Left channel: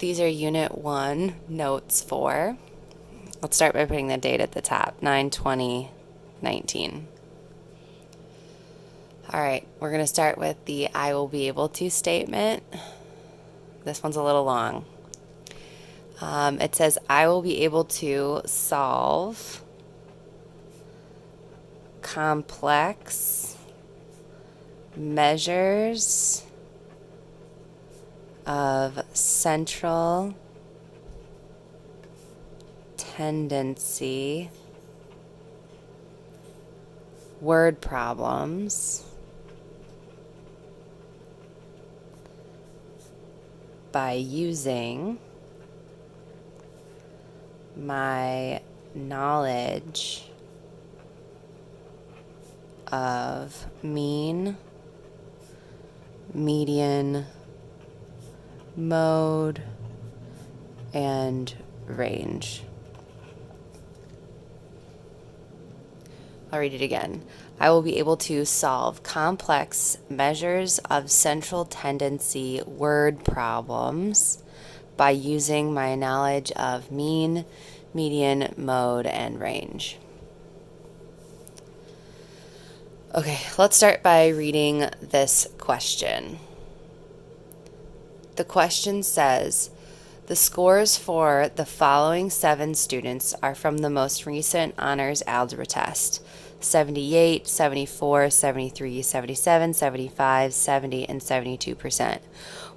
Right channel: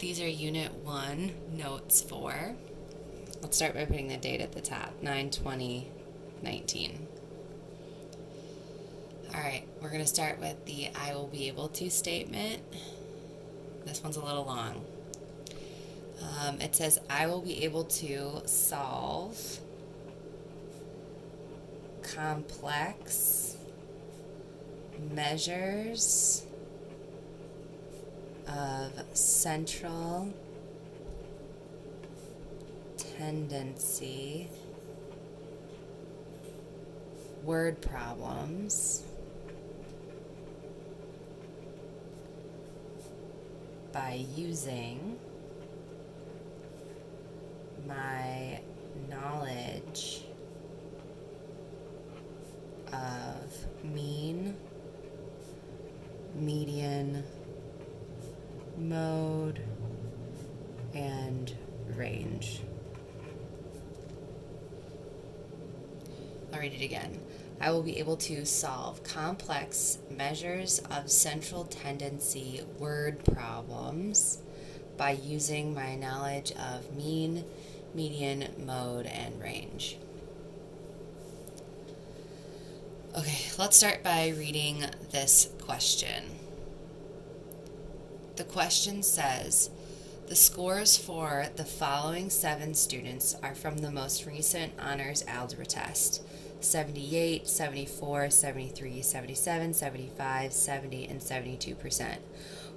These are Unit 1 Notes 4. Let's start by putting the date at the top, 9/20/19. All right, we're going to start with the I will be able to statement. This one's a little long. It says, I will be able to solve complex measures of central tendency word problems by using my knowledge of mean, median, mode, and range. I'll read it again. I will be able to solve complex measures of central tendency word problems by using my knowledge of mean, median, mode, and range. Okay, let's start by reading this question. The question says, the scores for the following 7 students are from the most recent honors algebra test: 78, 74, 73, 77, 75, 70, and 72%.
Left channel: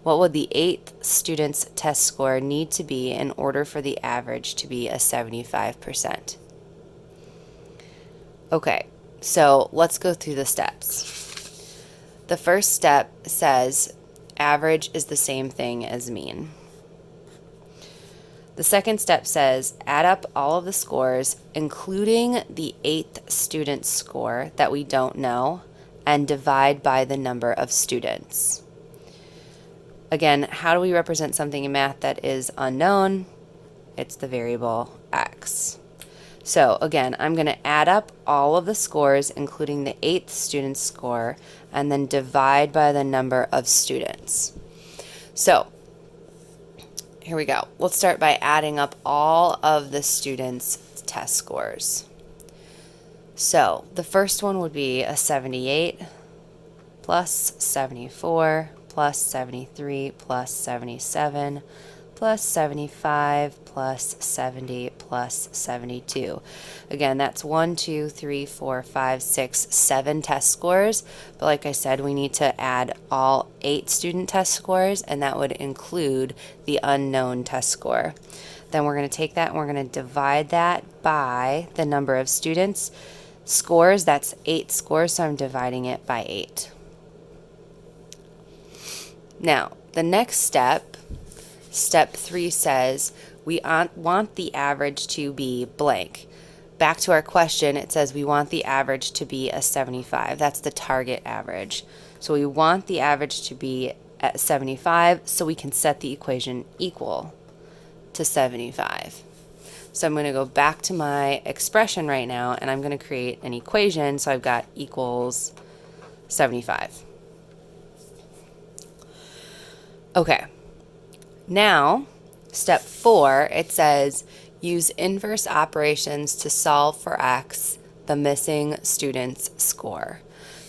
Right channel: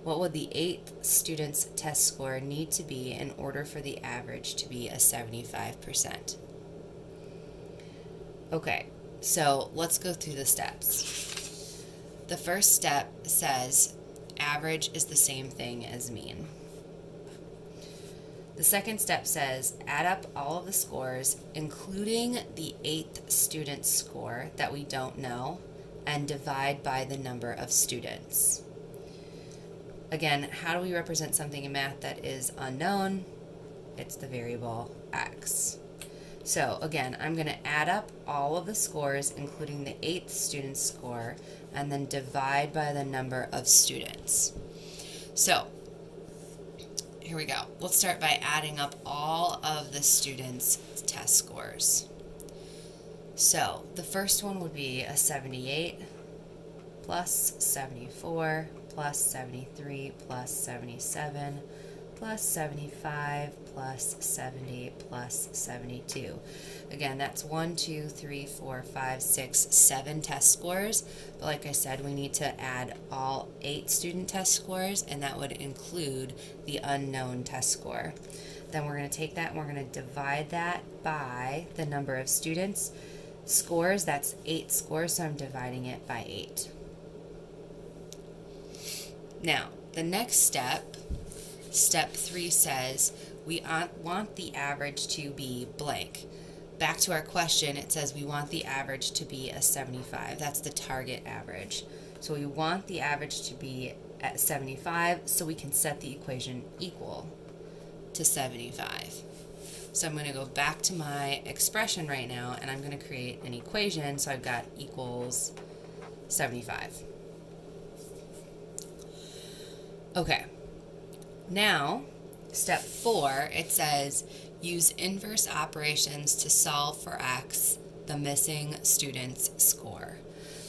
What would the 8th student's test score need to be in order for the average to be a 75%? Okay, so let's go through the steps. The first step says average is the same thing as mean. The second step says add up all of the scores, including the 8th student's score that we don't know, and divide by the number of students. Again, how do we represent something in math that is unknown? It's the variable x. So again, I'm going to add up all of the scores, including the 8th student's score, and then divide by the number of students. So here we go. Let's start by adding up all of the students' test scores. So the first one would be a 78 plus 74 plus 73 plus 77 plus 75 plus 70 plus 72. Again, that's 1, 2, 3, 4, 5, 6, 7 test scores. But like I said, we need to add all 8 student test scores, and that would include the unknown test score. Then we're going to take that and we're going to divide that by the number of students. Scores, that's 8 scores, so I'm dividing it by 8. Now, the next step, step 3 says we want the average to be blank. Back to our question, it says we want the average to be a 75. That's the target average. So we want the average to be at 75 so we can set the equation equal to 75. So I'm going to go back to my expression right now and I'm going to create an equation. So I've got equals 75. Okay, now step 4, it says use inverse operations to solve for x, the missing student's score.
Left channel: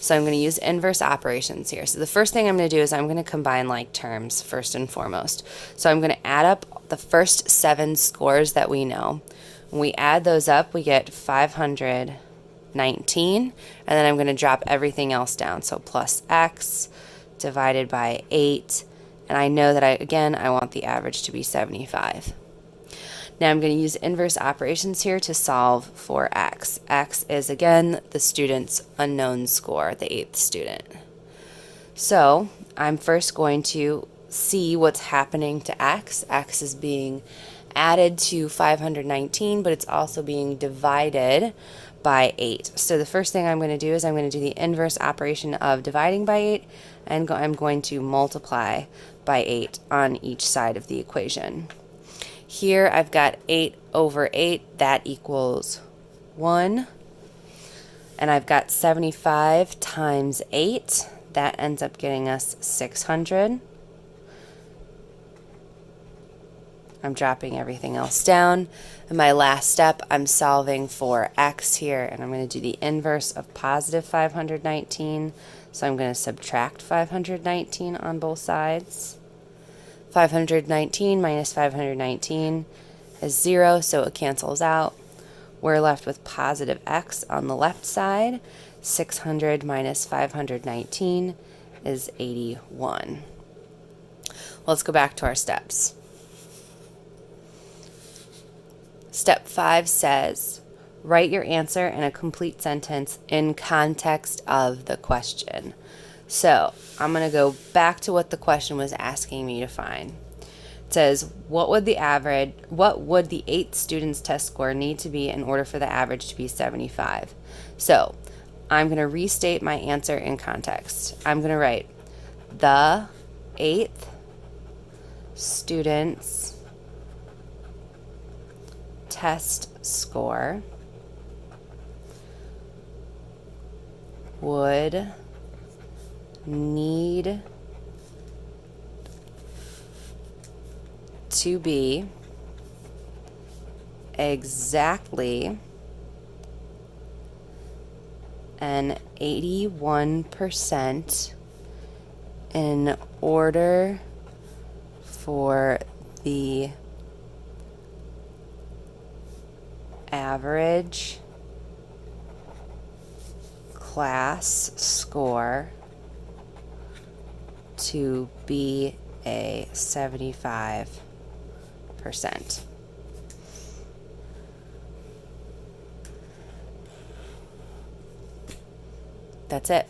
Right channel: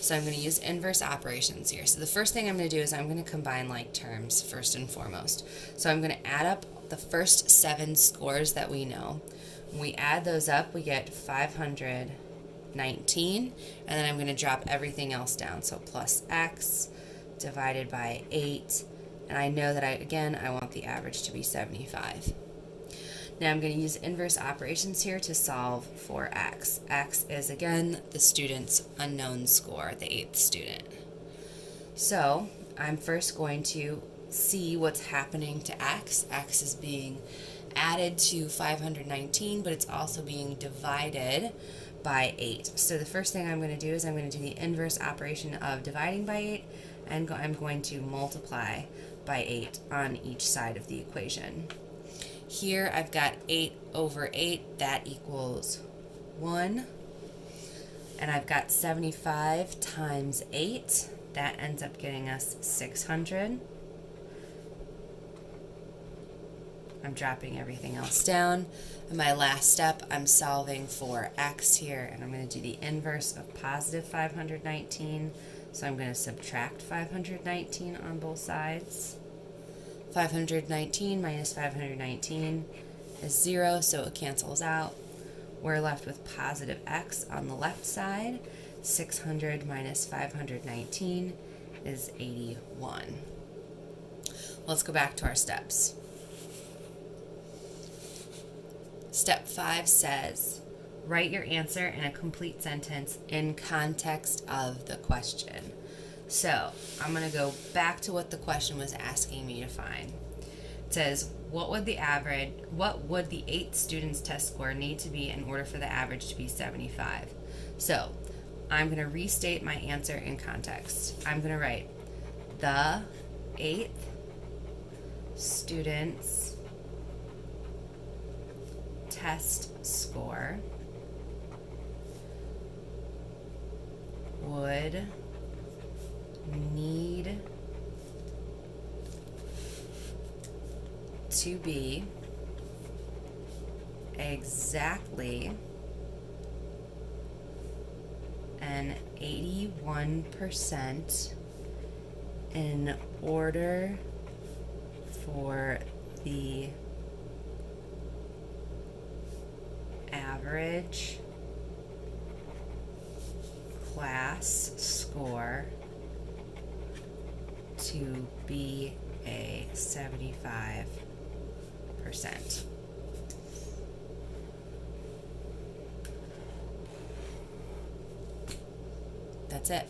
So I'm going to use inverse operations here. So the first thing I'm going to do is I'm going to combine like terms first and foremost. So I'm going to add up the first 7 scores that we know. When we add those up, we get 519, and then I'm going to drop everything else down. So plus x divided by 8. And I know that I want the average to be 75. Now I'm going to use inverse operations here to solve for x. X is, again, the student's unknown score, the 8th student. So I'm first going to see what's happening to x. X is being added to 519, but it's also being divided by 8. So the first thing I'm going to do is I'm going to do the inverse operation of dividing by 8, and I'm going to multiply by 8 on each side of the equation. Here I've got 8 over 8, that equals 1. And I've got 75 times 8, that ends up getting us 600. I'm dropping everything else down. In my last step, I'm solving for x here, and I'm going to do the inverse of positive 519. So I'm going to subtract 519 on both sides. 519 minus 519 is 0, so it cancels out. We're left with positive x on the left side. 600 minus 519 is 81. Let's go back to our steps. Step 5 says, write your answer in a complete sentence in context of the question. So I'm going to go back to what the question was asking me to find. It says, what would the 8th student's test score need to be in order for the average to be 75? So I'm going to restate my answer in context. I'm going to write the 8th student's test score would need to be exactly an 81% in order for the average class score to be a 75%. That's it.